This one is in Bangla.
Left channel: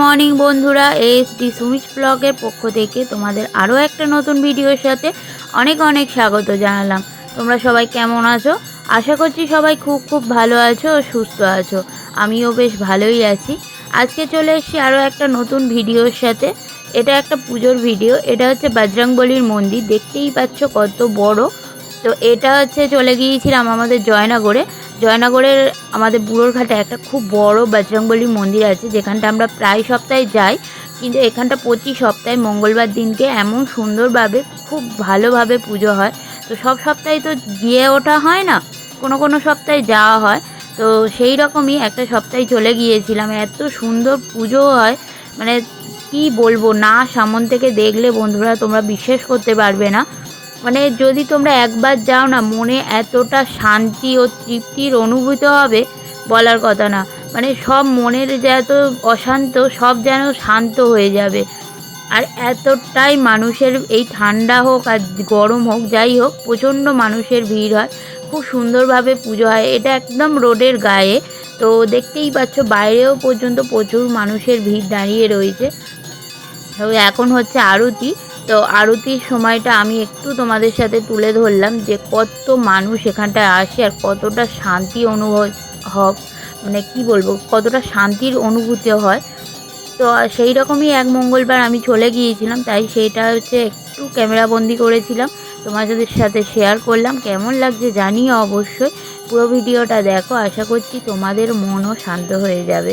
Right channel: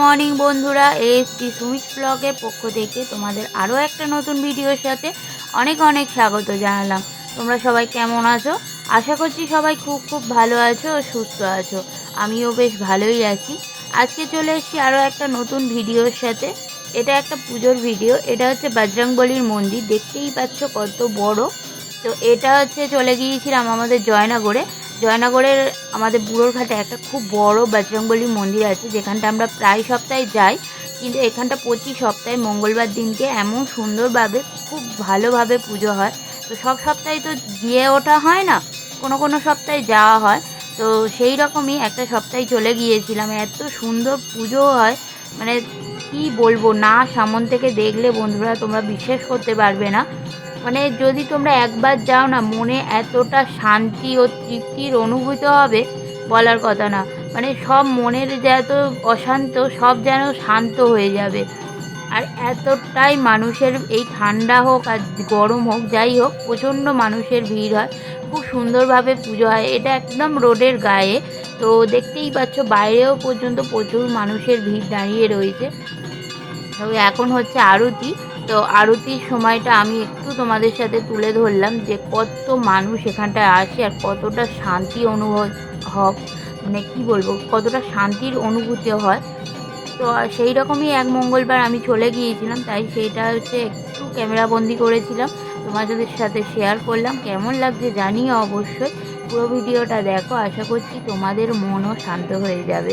মর্নিং বন্ধুরা এসটি সুমিত ব্লগের পক্ষ থেকে তোমাদের আরও একটা নতুন ভিডিওর সাথে অনেক অনেক স্বাগত জানালাম। তোমরা সবাই কেমন আছো? আশা করছি সবাই খুব খুব ভালো আছো ও সুস্থ আছো। আমিও বেশ ভালোই আছি। আজকে চলে এসেছি আরও একটা নতুন ভিডিওর সাথে। এটা একটা পুজোর ভিডিও, এটা হচ্ছে বজরংবলির মন্দির, দেখতেই পাচ্ছ কত বড়। তো এটা হচ্ছে চলে গিয়েছিলাম আমাদের জয়নগরে। জয়নগরের আমাদের বুড়োর ঘাটে একটা খুব বড় বজরংবলী মন্দির আছে, যেখানটা আমরা প্রায় সপ্তাহে যাই। কিন্তু এখানটা প্রতি সপ্তাহে মঙ্গলবার দিনকে এমন সুন্দরভাবে, খুব ভালোভাবে পুজো হয়। তো সব সপ্তাহে তো গিয়ে ওঠা হয় না, কোনো কোনো সপ্তাহে যাওয়া হয়। তো সেই রকমই একটা সপ্তাহে চলে গিয়েছিলাম, এত সুন্দর পুজো হয়। মানে কি বলব, না সামন থেকে দেখলে বন্ধুরা তোমরা বিশ্বাস করতে পারবে না। মানে যদি তোমরা একবার যাও না, মনে এতটা শান্তি ও তৃপ্তির অনুভূত হবে বলার কথা না। মানে সব মনের যত অশান্ত, সব যেন শান্ত হয়ে যাবে। আর এতটাই মানুষের এই ঠান্ডা হোক আর গরম হোক, যাই হোক, প্রচণ্ড মানুষের ভিড় হয়। খুব সুন্দরভাবে পুজো হয়। এটা একদম রোডের গায়ে। তো দেখতেই পাচ্ছ, বাইরেও পর্যন্ত প্রচুর মানুষের ভিড় দাঁড়িয়ে রয়েছে। তো এখন হচ্ছে আরতি। তো আরতির সময়টা আমি একটু তোমাদের সাথে তুলে ধরলাম যে কত মানুষ এখানটায় আসে আর কতটা শান্তি অনুভব হক মানে কি বলব, কতটা শান্তির অনুভূতি হয়। তো সেই রকমই এক মঙ্গলবার আমি চলে গিয়েছিলাম, তাই সেইটা হচ্ছে একটু ক্যামেরাবন্দি করেছিলাম। তোমাদের সাথে শেয়ার করলাম, কেমন লাগছে জানিও অবশ্যই। পুরো ভিডিওটা দেখো, আশা করছি তোমাদের মনও শান্ত হয়ে যাবে।